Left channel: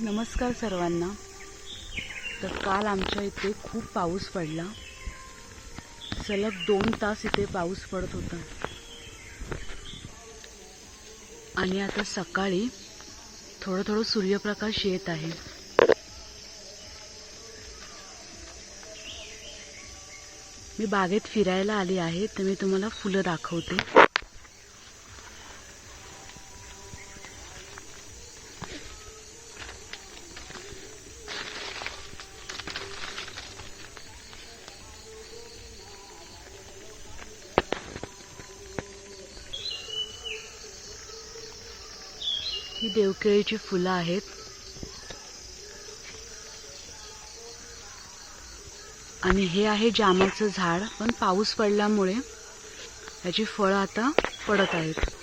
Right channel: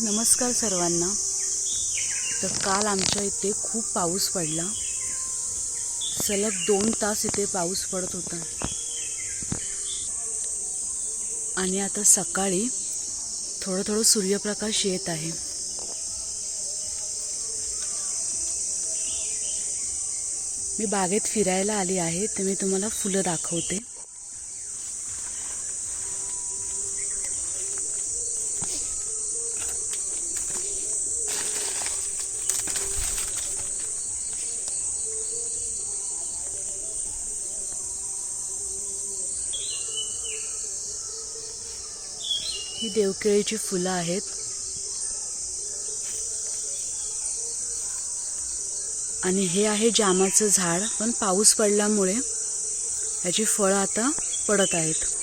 नमस्कार सर्वांना। तर काल आमच्या इथे खूप पाऊस पडला। सलग 2 तास इथे पाऊस पडत होता आणि आता सकाळी थोडं सूर्यप्रकाश येत आहे। मी बागेत फिरायला आली आहे, तर मी तुम्हाला फुलं दाखवते। ही देवकेळीची फुलं आहेत आणि हे आहे जामाचं झाड, पण पाऊस पडल्यामुळे याची फळं आता पडत आहेत।